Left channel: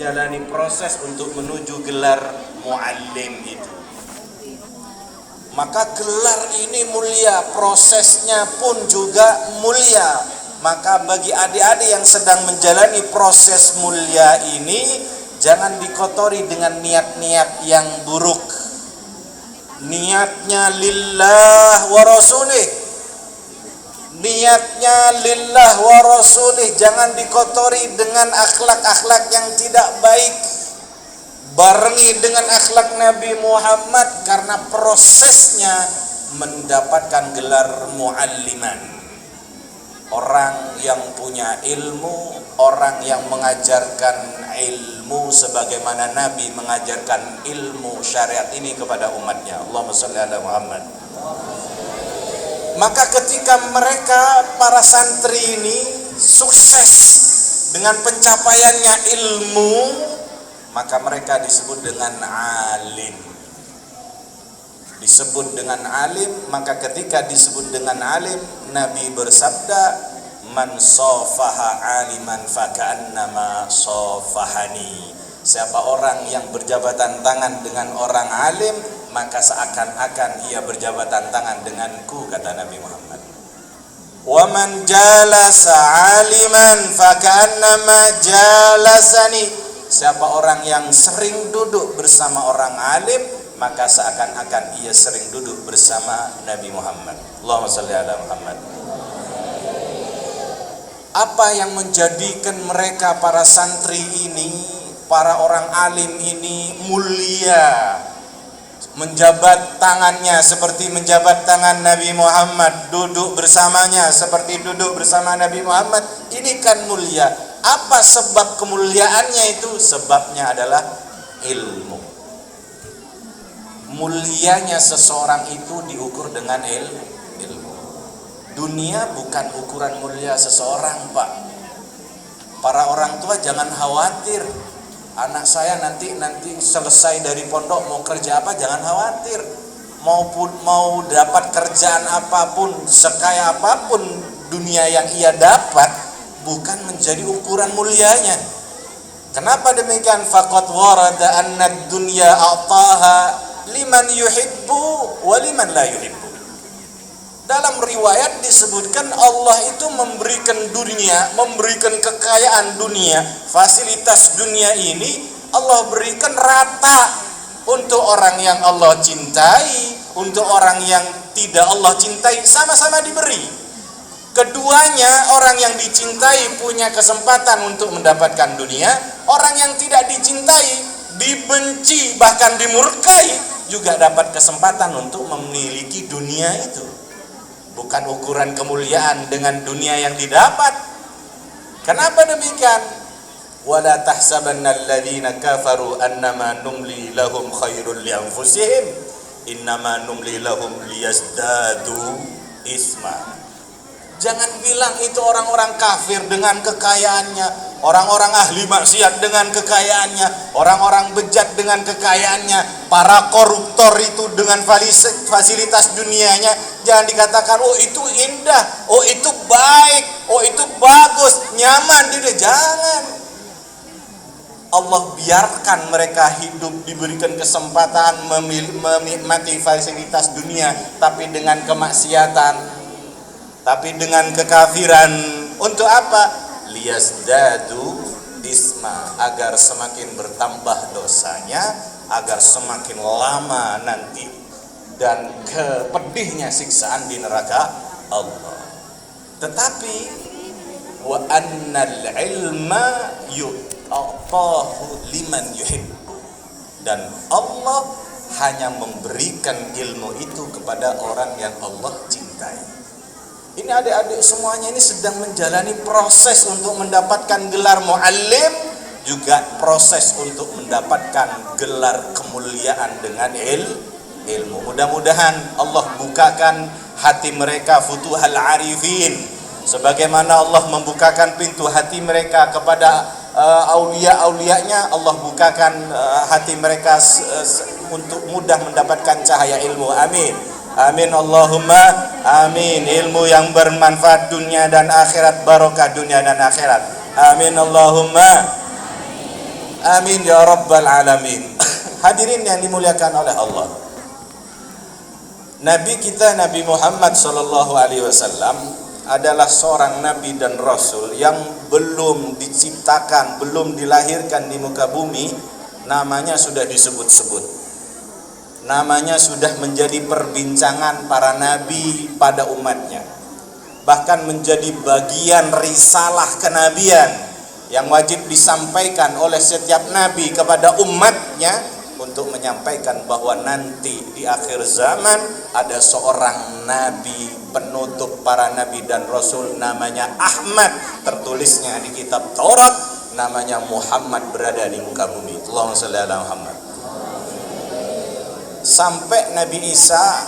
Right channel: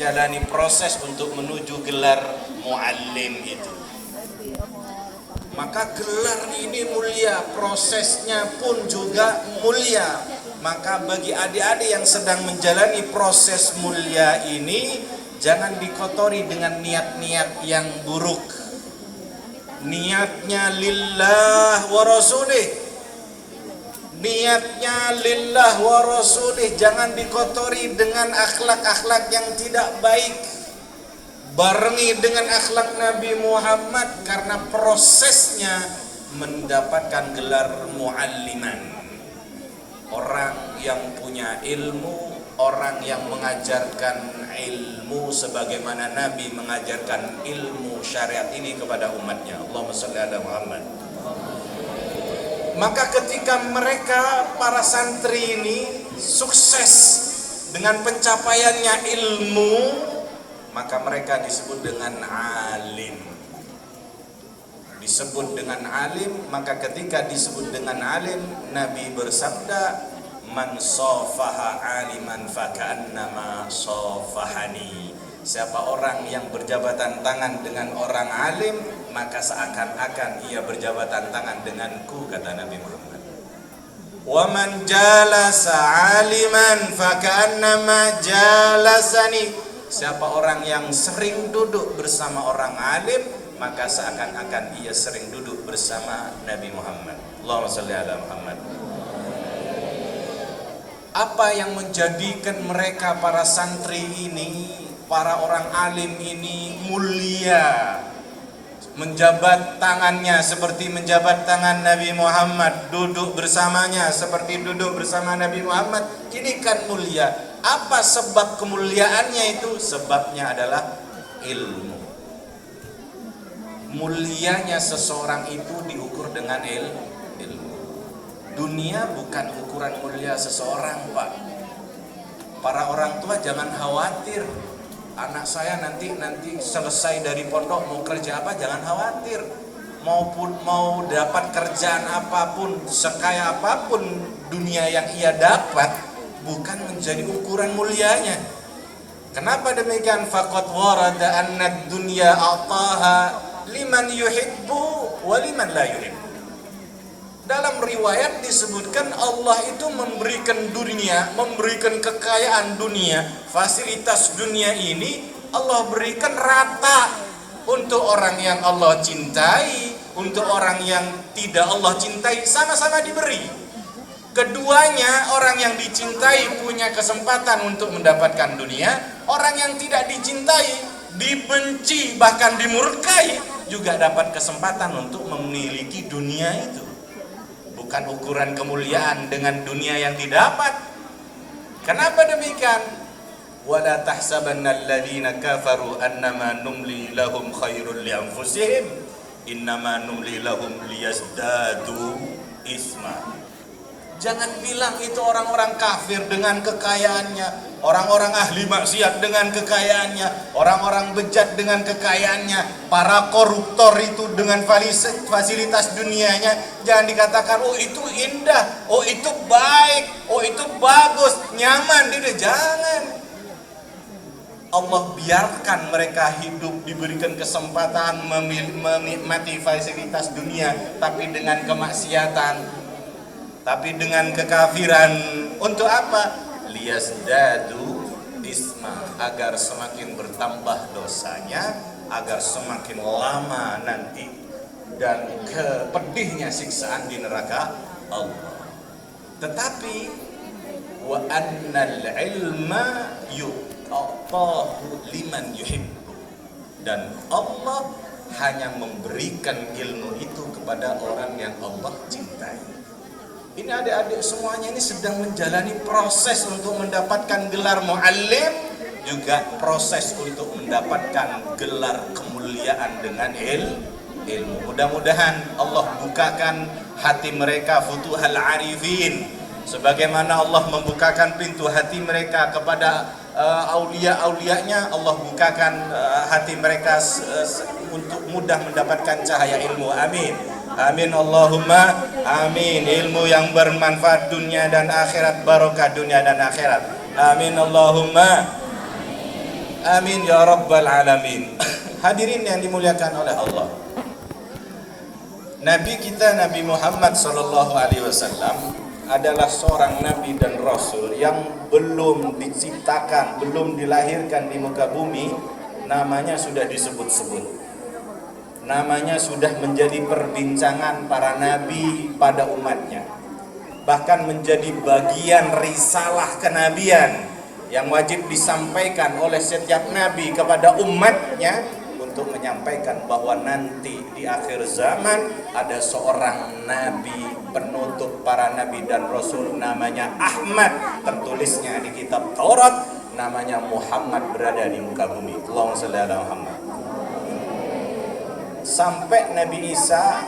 menjalani proses untuk menuju gelar muallim itu. Maka gelar ini mulia, prosesnya pun juga mulia. Maka bagi adik-adik yang sedang menjalani proses mulia ini, jangan dikotori dengan niat-niat yang buruk. Niatnya lillah wa rasulih, niatnya lillah wa rasulih, jangan dikotori dengan akhlak-akhlak yang tidak baik. Barengi dengan akhlak Nabi Muhammad, karena prosesnya mendapatkan gelar mualliman. Orang yang punya ilmu, orang yang mengajarkan ilmu sebagaimana Nabi mengajarkan ilmu syariat ini kepada umatnya. Allahumma sholli ala Muhammad. Maka ketika mereka, para santri ini sukses dengan pencapaiannya ilmu, maka mereka disebut dengan alim. Disebut dengan alim, maka ketika disebut dengan alim, Nabi bersabda, man sofaha aliman faka'annama sofahani. Siapa orang yang berjabatan tangan dengan orang alim, maka seakan-akan ia berjabatan tangan denganku, kata Nabi Muhammad. Wa man jalasa aliman faka'annama jalasani. Siapa orang yang sering duduk bersama orang alim, maka seakan-akan ia sering duduk bersama Nabi Muhammad. Allahumma sholli ala Muhammad. Apa yang menjadikan mereka, para santri ini, para orang alim ini mulia? Menjabat tangannya seperti menjabat tangan Nabi Muhammad, duduk bersamanya seperti duduk bersama Nabi Muhammad. Ini kan mulia. Apa sebab kemuliaannya itu? Sebabnya adalah ilmu. Mulianya seseorang itu diukur dengan ilmu. Dunia bukan ukuran mulia seseorang, Pak. Para orang tua jangan khawatir. Anak saya nanti selesai dari pondok mau kerja apa, jangan khawatir. Mau dapat kerjaan apapun, sekaya apapun dunia yang ia dapat, bukan menjadi ukuran mulianya. Kenapa demikian? Faqad warada anna ad-dunya a'taha liman yuhibbu wa liman la yuhibbu. Dalam riwayat disebutkan Allah itu memberikan dunia, memberikan kekayaan dunia, fasilitas dunia ini Allah berikan rata untuk orang yang Allah cintai, untuk orang yang tidak Allah cintai, sama-sama diberi. Keduanya, orang yang dicintai punya kesempatan untuk mendapatkan dunia, orang yang tidak dicintai, dibenci, bahkan dimurkai, juga dapat kesempatan untuk memiliki dunia itu. Bukan ukuran kemuliaan dengan dunia yang didapat. Kenapa demikian? Wala tahsabanna alladziina kafaru annama numli lahum khairul li anfusihim innama numli lahum liyazdadu isma. Jangan bilang itu orang-orang kafir dengan kekayaannya, orang-orang ahli maksiat dengan kekayaannya, orang-orang bejat dengan kekayaannya, para koruptor itu dengan fasilitas dunianya. Jangan dikatakan, oh itu indah, oh itu baik, oh itu bagus, nyaman. Jangan. Allah biarkan mereka hidup, diberikan kesempatan menikmati fasilitas dunia, tapi dengan kemaksiatan, tapi dengan kekafiran. Untuk apa? Liyazdadu isma, agar semakin bertambah dosanya, agar semakin lama nanti dan pedihnya siksaan di neraka Allah. Tetapi wa annal ilma yu'tahu liman yuhibbu, dan Allah hanya memberikan ilmu itu kepada orang yang Allah cintai. Ini adik-adik semuanya ini sedang menjalani proses untuk mendapatkan gelar muallim, juga proses untuk mendapatkan gelar kemuliaan dengan ilmu. Mudah-mudahan Allah bukakan hati mereka futuhal arifin, sebagaimana Allah membukakan pintu hati mereka kepada aulia-aulianya. Allah bukakan hati mereka untuk mudah mendapatkan cahaya ilmu. Amin. Amin Allahumma amin. Ilmu yang bermanfaat dunia dan akhirat, barokah dunia dan akhirat. Amin Allahumma Amin ya rabbal alamin. Hadirin yang dimuliakan oleh Allah, Nabi kita Nabi Muhammad SAW adalah seorang nabi dan rasul yang belum diciptakan, belum dilahirkan di muka bumi, namanya sudah disebut-sebut. Namanya sudah menjadi perbincangan para nabi pada umatnya. Bahkan menjadi bagian risalah kenabian yang wajib disampaikan oleh setiap nabi kepada umatnya, untuk menyampaikan bahwa nanti di akhir zaman ada seorang nabi penutup para nabi dan rasul, namanya Ahmad, tertulisnya di kitab Taurat, namanya Muhammad, berada di muka bumi. Allahumma shalli ala Muhammad. Sampai Nabi Isa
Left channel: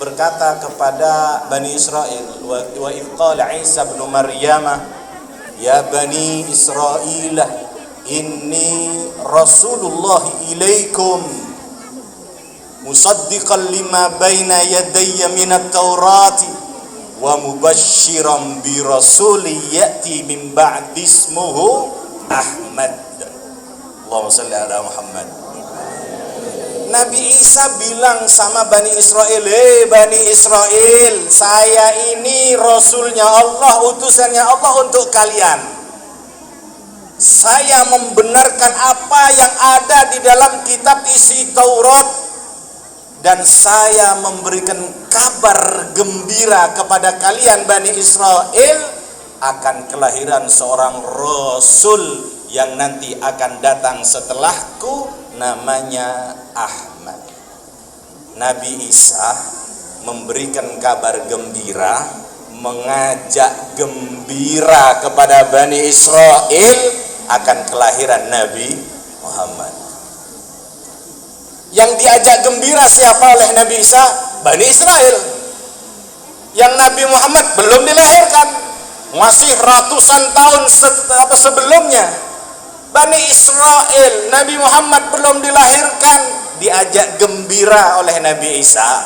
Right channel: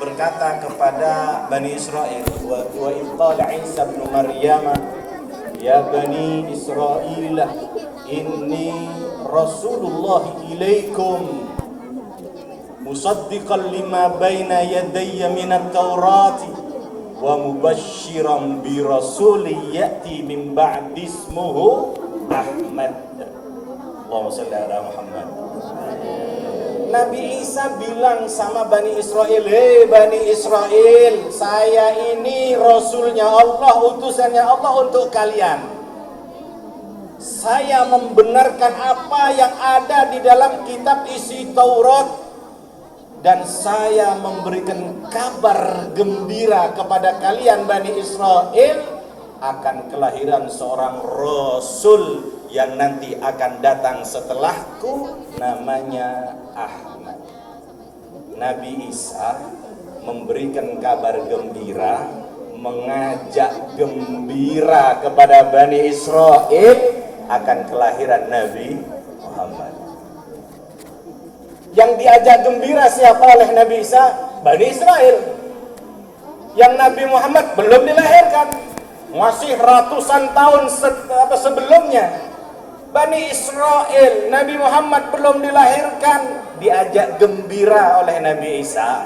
berkata kepada Bani Israel, wa idh qala Isa ibn Maryam ya Bani Israel inni Rasulullah ilaikum musaddiqan lima baina yadayya minat Taurati wa mubasysyiran bi rasulin ya'ti min ba'di ismuhu Ahmad. Allahumma shalli ala Muhammad. Nabi Isa bilang sama Bani Israel, hei Bani Israel, saya ini Rasulnya Allah, utusannya Allah untuk kalian. Saya membenarkan apa yang ada di dalam kitab isi Taurat, dan saya memberikan kabar gembira kepada kalian Bani Israel akan kelahiran seorang Rasul yang nanti akan datang setelahku, namanya Ahmad. Nabi Isa memberikan kabar gembira, mengajak gembira kepada Bani Israel akan kelahiran Nabi Muhammad. Yang diajak gembira siapa oleh Nabi Isa? Bani Israel. Yang Nabi Muhammad belum dilahirkan, masih ratusan tahun sebelumnya. Bani Israel, Nabi Muhammad belum dilahirkan, diajak gembira oleh Nabi Isa.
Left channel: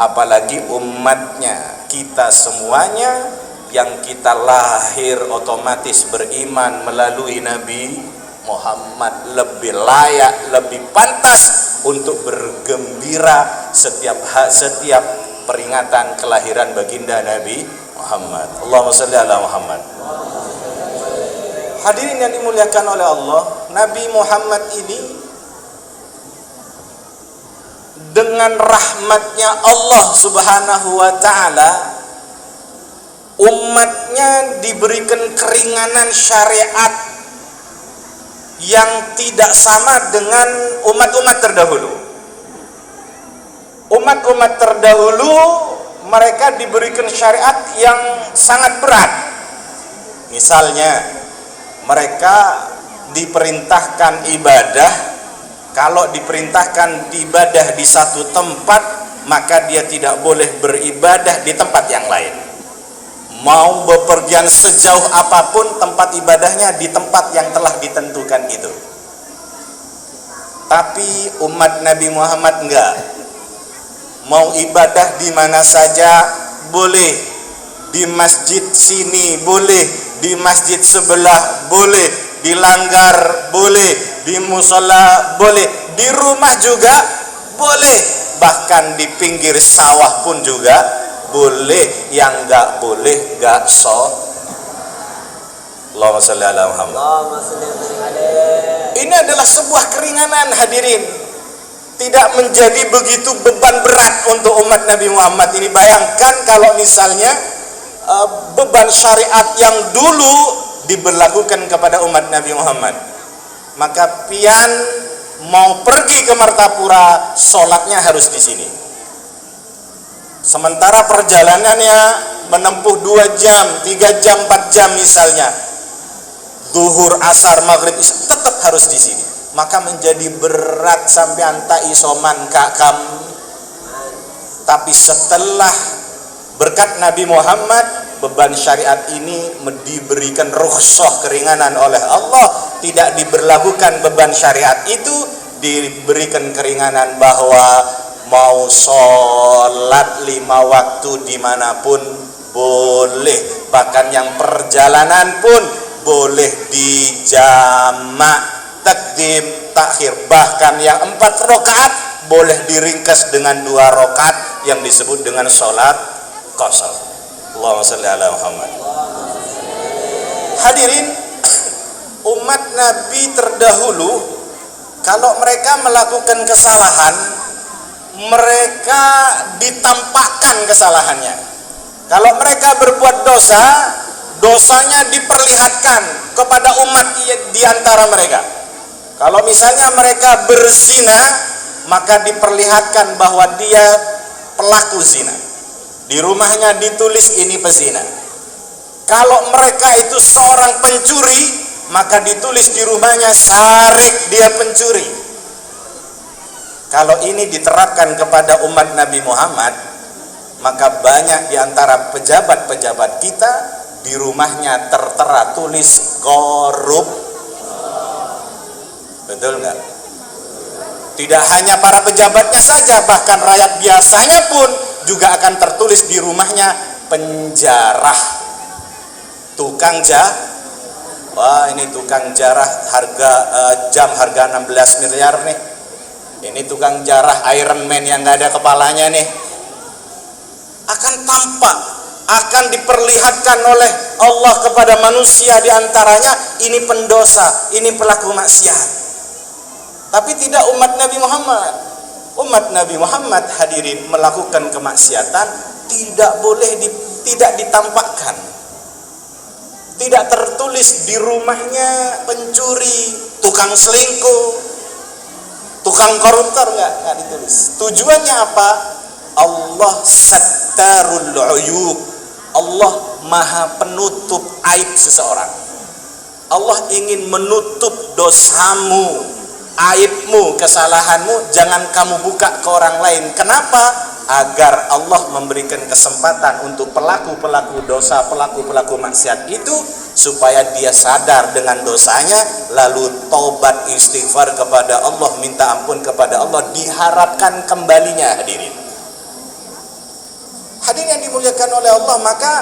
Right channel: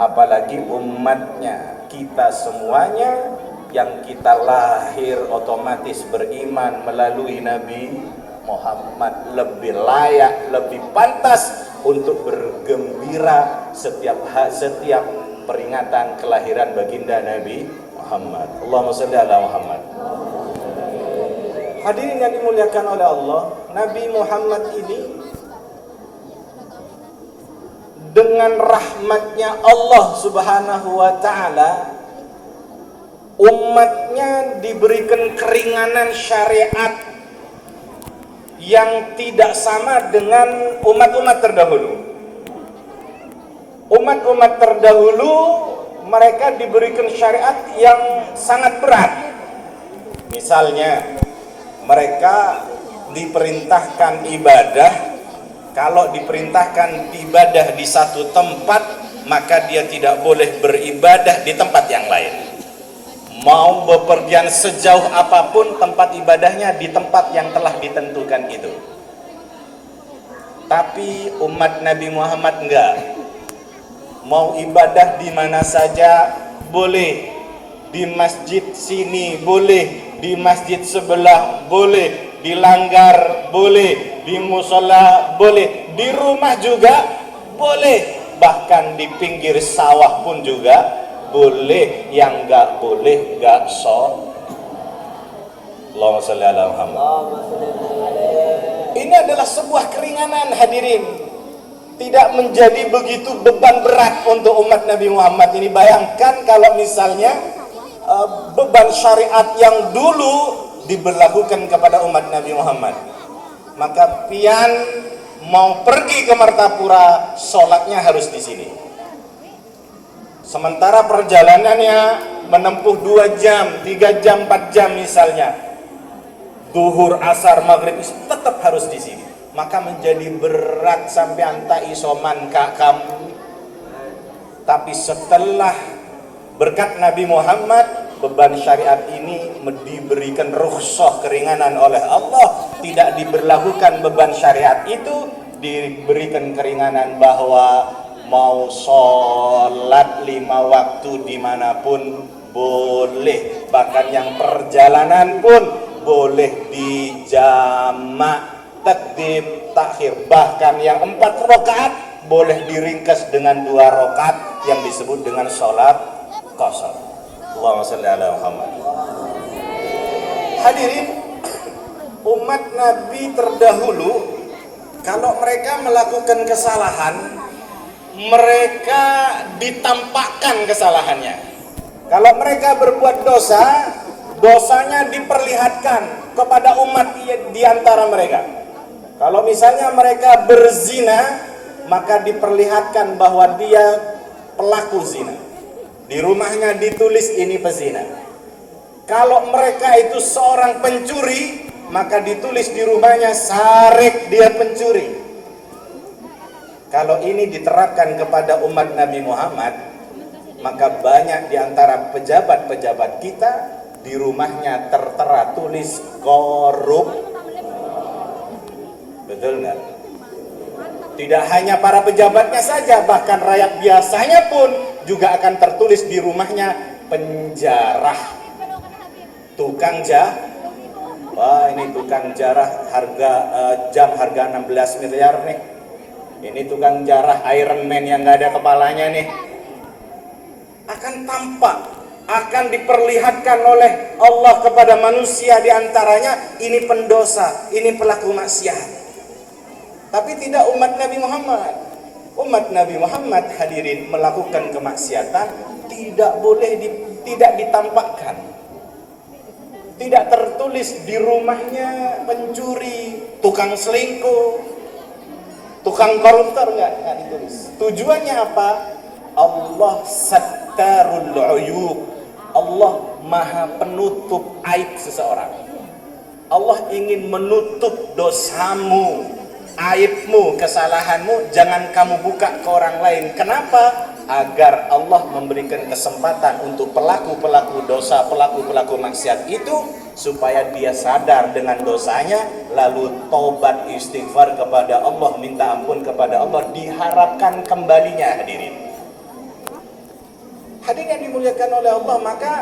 Apalagi umatnya, kita semuanya yang kita lahir otomatis beriman melalui Nabi Muhammad, lebih layak, lebih pantas untuk bergembira setiap peringatan kelahiran baginda Nabi Muhammad. Allahumma shalli ala Muhammad. Hadirin yang dimuliakan oleh Allah, Nabi Muhammad ini dengan rahmatnya Allah Subhanahu wa ta'ala, umatnya diberikan keringanan syariat yang tidak sama dengan umat-umat terdahulu. Umat-umat terdahulu mereka diberikan syariat yang sangat berat. Misalnya mereka diperintahkan ibadah, kalau diperintahkan ibadah di satu tempat, maka dia tidak boleh beribadah di tempat yang lain. Mau bepergian sejauh apapun, tempat ibadahnya di tempat yang telah ditentukan itu. Tapi umat Nabi Muhammad enggak. Mau ibadah di mana saja boleh, di masjid sini boleh, di masjid sebelah boleh, di langgar boleh, di musola boleh, di rumah juga boleh, bahkan di pinggir sawah pun juga boleh. Yang enggak boleh enggak Allahumma shalli ala Muhammad. Ini adalah sebuah keringanan, hadirin. Tidak menjadi begitu beban berat untuk umat Nabi Muhammad ini. Bayangkan kalau misalnya beban syariat yang dulu diberlakukan kepada umat Nabi Muhammad, maka pian mau pergi ke Martapura, sholatnya harus di sini. Sementara perjalanannya menempuh 2 jam, 3 jam, 4 jam misalnya, zuhur, asar, maghrib, isya, tetap harus di sini. Maka menjadi berat sampai anta isoman kak kamu. Tapi setelah berkat Nabi Muhammad, beban syariat ini diberikan rukhsah, keringanan oleh Allah. Tidak diberlakukan beban syariat itu, diberikan keringanan bahwa mau sholat 5 waktu dimanapun boleh. Bahkan yang perjalanan pun boleh dijamak, takdim, takhir. Bahkan yang 4 rakaat boleh diringkas dengan 2 rakaat yang disebut dengan sholat qasar. Allahumma shalli ala Muhammad. Hadirin, umat Nabi terdahulu kalau mereka melakukan kesalahan, mereka ditampakkan kesalahannya. Kalau mereka berbuat dosa, dosanya diperlihatkan kepada umat di antara mereka. Kalau misalnya mereka berzina, maka diperlihatkan bahwa dia pelaku zina. Di rumahnya ditulis ini pezina. Kalau mereka itu seorang pencuri, maka ditulis di rumahnya sarik dia pencuri. Kalau ini diterapkan kepada umat Nabi Muhammad, maka banyak di antara pejabat-pejabat kita di rumahnya tertera tulis korup. Betul nggak? Tidak hanya para pejabatnya saja, bahkan rakyat biasanya pun juga akan tertulis di rumahnya penjarah. Tukang wah ini tukang jarah, harga jam harga 16 miliar nih. Ini tukang jarah Iron Man yang nggak ada kepalanya nih. Akan tampak, akan diperlihatkan oleh Allah kepada manusia di antaranya, ini pendosa, ini pelaku maksiat. Tapi tidak umat Nabi Muhammad. Umat Nabi Muhammad, hadirin, melakukan kemaksiatan tidak boleh tidak ditampakkan. Tidak tertulis di rumahnya pencuri, tukang selingkuh, tukang koruptor, nggak ditulis. Tujuannya apa? Allah sattarul uyub. Allah maha penutup aib seseorang. Allah ingin menutup dosamu, aibmu, kesalahanmu, jangan kamu buka ke orang lain. Kenapa? Agar Allah memberikan kesempatan untuk pelaku-pelaku dosa, pelaku-pelaku maksiat itu, supaya dia sadar dengan dosanya, lalu taubat istighfar kepada Allah, minta ampun kepada Allah, diharapkan kembalinya. Hadirin yang dimuliakan oleh Allah, maka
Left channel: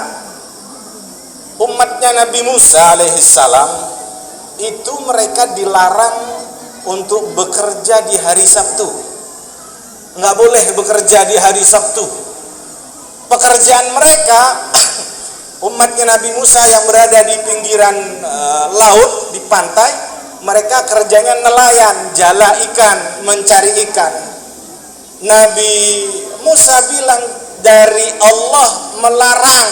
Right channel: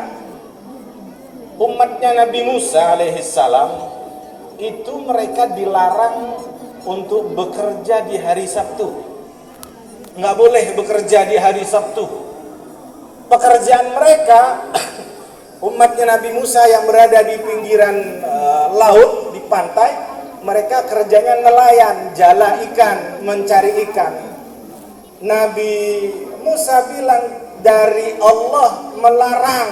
umatnya Nabi Musa alaihissalam itu mereka dilarang untuk bekerja di hari Sabtu. Nggak boleh bekerja di hari Sabtu. Pekerjaan mereka, umatnya Nabi Musa yang berada di pinggiran laut, di pantai, mereka kerjanya nelayan, jala ikan, mencari ikan. Nabi Musa bilang, dari Allah melarang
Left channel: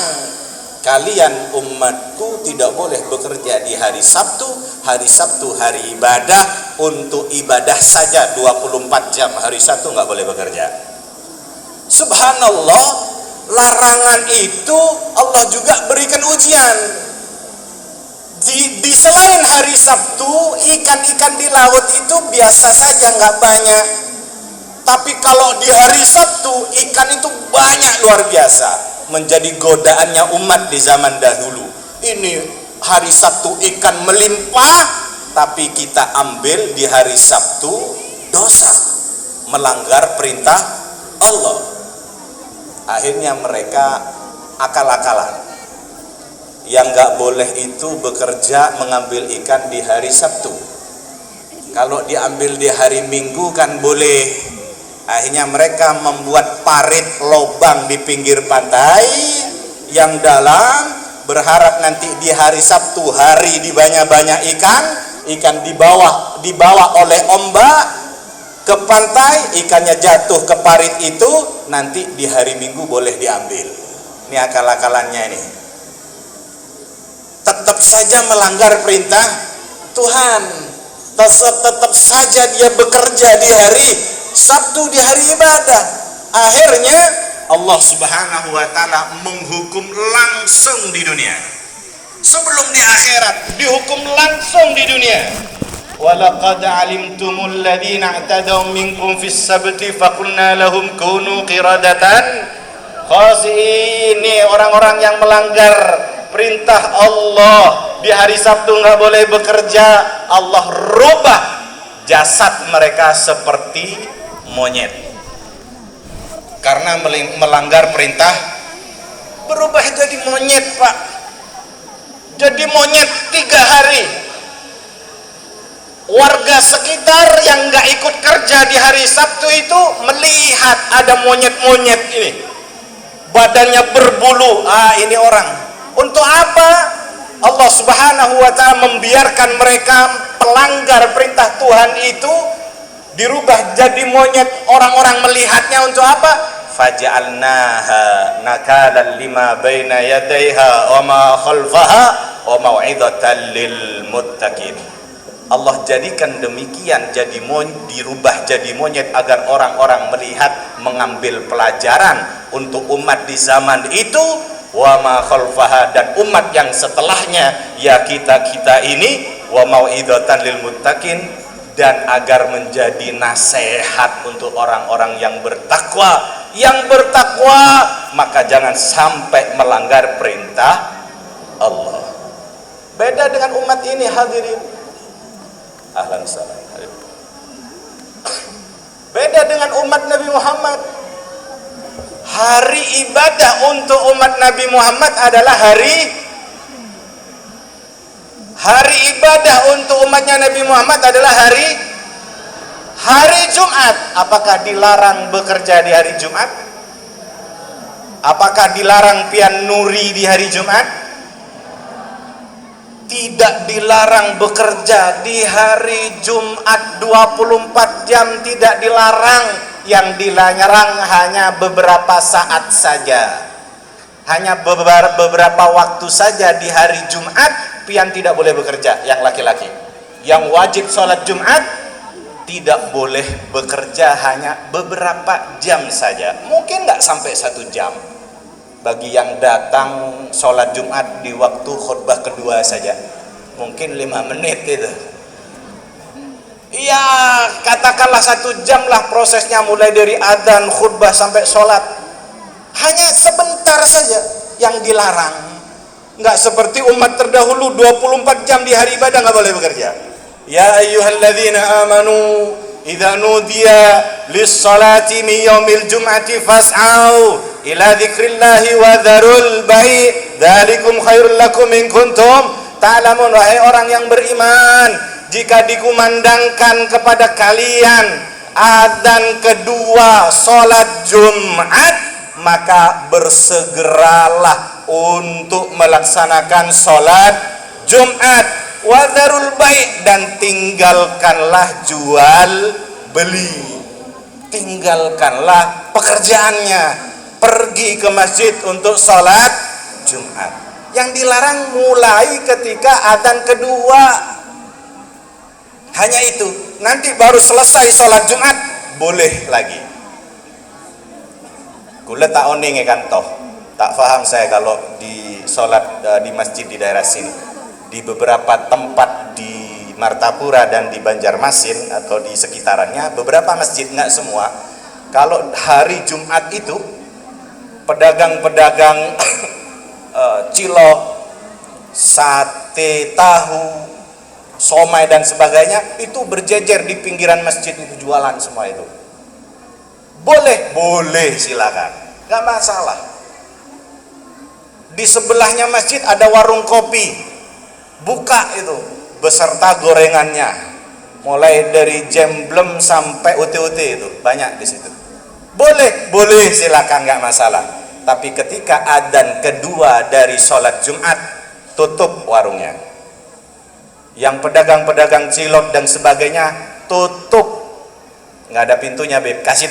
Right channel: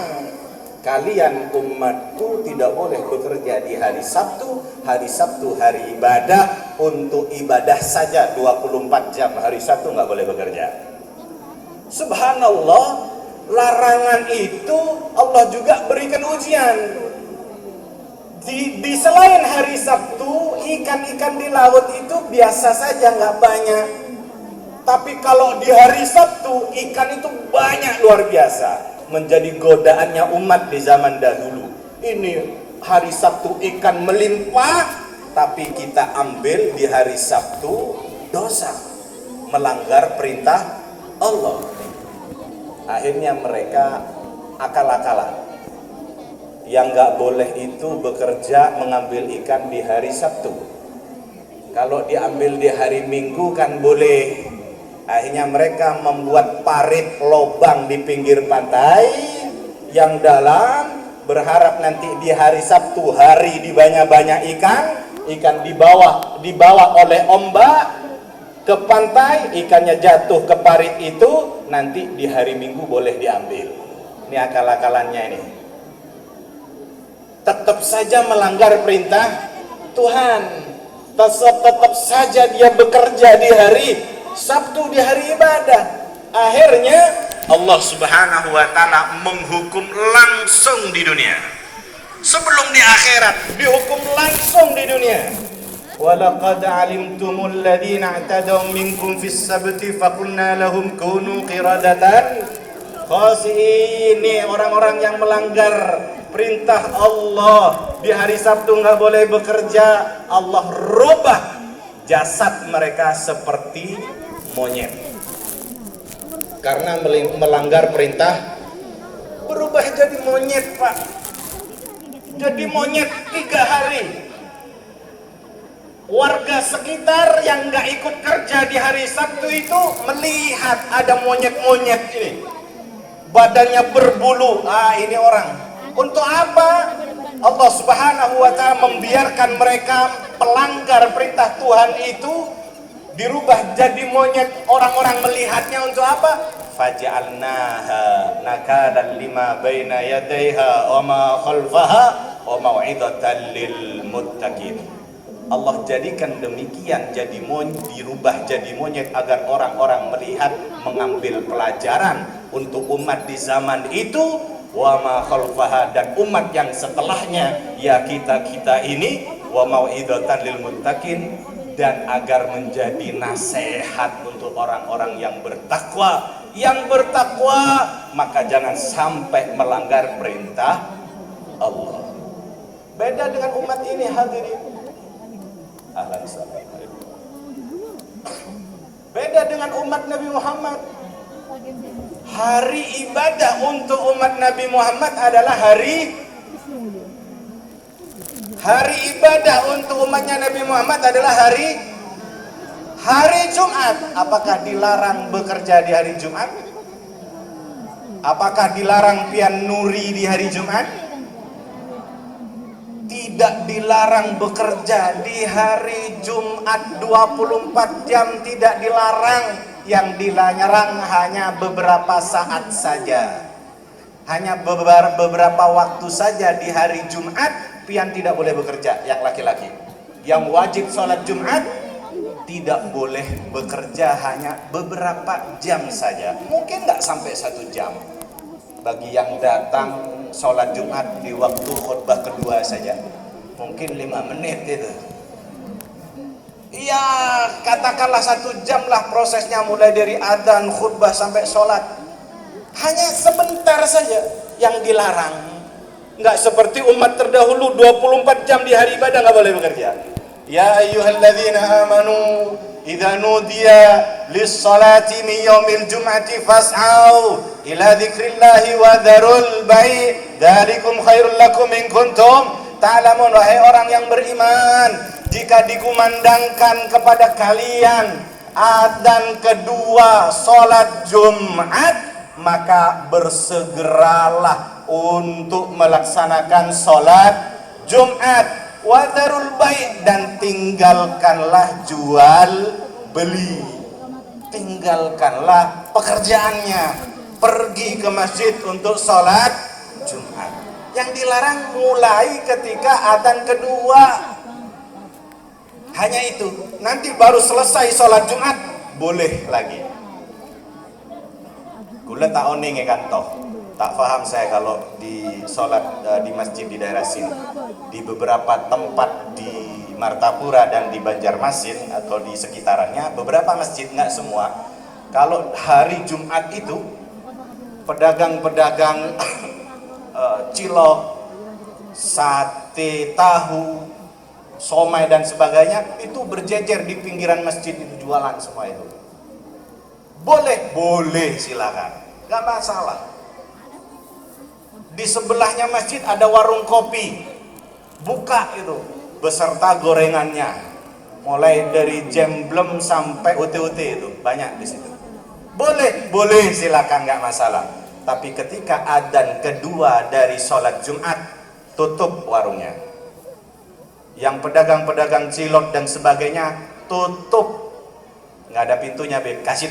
kalian umatku tidak boleh bekerja di hari Sabtu. Hari Sabtu hari ibadah, untuk ibadah saja 24 jam. Hari Sabtu nggak boleh bekerja. Subhanallah, larangan itu Allah juga berikan ujian. Di selain hari Sabtu, ikan-ikan di laut itu biasa saja, nggak banyak. Tapi kalau di hari Sabtu, ikan itu banyak, luar biasa. Menjadi godaannya umat di zaman dahulu. Ini hari Sabtu ikan melimpah, tapi kita ambil di hari Sabtu, dosa, melanggar perintah Allah. Akhirnya mereka akal-akalan. Yang gak boleh itu bekerja mengambil ikan di hari Sabtu. Kalau diambil di hari Minggu kan boleh. Akhirnya mereka membuat parit lobang di pinggir pantai yang dalam, berharap nanti di hari Sabtu, hari di banyak-banyak ikan dibawa oleh ombak ke pantai, ikannya jatuh ke parit itu, nanti di hari Minggu boleh diambil. Ini akal-akalannya ini. Tetap saja melanggar perintah Tuhan. Tetap saja dia bekerja di hari Sabtu, di hari ibadah. Akhirnya Allah Subhanahu wa ta'ala menghukum langsung di dunia. Sebelum di akhirat, dihukum langsung di dunia. Walaqad alimtumul ladzina i'tadaw minkum fis sabti faqulna lahum kunu qiradatan khasi'in. Ini orang-orang yang melanggar perintah Allah. Di hari Sabtu nggak boleh bekerja. Allah rubah jasad mereka seperti monyet. Karena melanggar perintah, berubah jadi monyet, Pak. jadi monyet 3 hari. Warga sekitar yang nggak ikut kerja di hari Sabtu itu melihat ada monyet-monyet ini, badannya berbulu. Ini orang. Untuk apa Allah Subhanahu wa Ta'ala membiarkan mereka pelanggar perintah Tuhan itu dirubah jadi monyet? Orang-orang melihatnya untuk apa? Faja'alnaha nakalan lima baina yadayha wa ma khalfaha wa mau'izatan lil muttaqin. Allah jadikan demikian, dirubah jadi monyet agar orang-orang melihat, mengambil pelajaran untuk umat di zaman itu, wa ma khalfaha, dan umat yang setelahnya, ya kita ini, wa mau'izatan lil muttaqin, dan agar menjadi nasihat untuk orang-orang yang bertakwa. Yang bertakwa maka jangan sampai melanggar perintah Allah. Beda dengan umat ini, hadirin. Ahlan salam. Beda dengan umat Nabi Muhammad. Hari ibadah untuk umat Nabi Muhammad adalah hari ibadah untuk umatnya Nabi Muhammad adalah hari Jumat. Apakah dilarang bekerja di hari Jumat? Apakah dilarang pian nuri di hari Jumat? Tidak dilarang bekerja di hari Jumat 24 jam, tidak dilarang. Yang dilarang hanya beberapa saat saja, hanya beberapa waktu saja di hari Jumat pian tidak boleh bekerja. Yang laki-laki yang wajib sholat Jumat tidak boleh bekerja, hanya beberapa jam saja, mungkin nggak sampai 1 jam. Bagi yang datang sholat Jumat di waktu khutbah kedua saja, mungkin 5 menit gitu. Iya, katakanlah 1 jam lah prosesnya, mulai dari adzan, khutbah sampai sholat. Hanya sebentar saja yang dilarang. Nggak seperti umat terdahulu 24 jam di hari ibadah nggak boleh bekerja. Ya ayyuhalladzina amanu idza nudiya lis-salati min yaumil jum'ati fas'au ila dzikrillahi wa dzarul bai' dzalikum khairul lakum in kuntum ta'lamun. Wahai orang yang beriman, jika dikumandangkan kepada kalian adzan kedua salat Jumat, maka bersegeralah untuk melaksanakan salat Jumat. Wadarul baik, dan tinggalkanlah jual beli, tinggalkanlah pekerjaannya, pergi ke masjid untuk sholat Jumat. Yang dilarang mulai ketika adzan kedua, hanya itu. Nanti baru selesai sholat Jumat boleh lagi. Kula tak oning kan toh, tak faham saya kalau di sholat di masjid di daerah sini. Di beberapa tempat di Martapura dan di Banjarmasin atau di sekitarannya, beberapa masjid, nggak semua, kalau hari Jumat itu pedagang-pedagang cilok, sate tahu, somai dan sebagainya itu berjejer di pinggiran masjid, itu jualan semua itu. Boleh silakan, nggak masalah. Di sebelahnya masjid ada warung kopi, buka itu beserta gorengannya, mulai dari jemblem sampai ute-ute itu banyak di situ. Boleh silakan, nggak masalah. Tapi ketika adzan kedua dari sholat Jumat, tutup warungnya. Yang pedagang-pedagang cilok dan sebagainya tutup, nggak ada pintunya, Beb. Kasih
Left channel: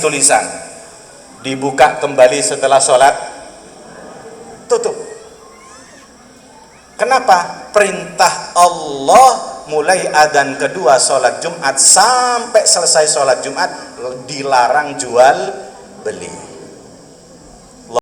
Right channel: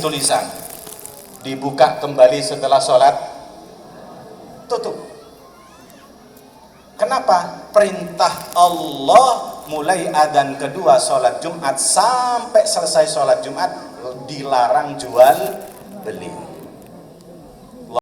tulisan, dibuka kembali setelah sholat, tutup. Kenapa? Perintah Allah mulai adzan kedua sholat Jumat sampai selesai sholat Jumat dilarang jual beli.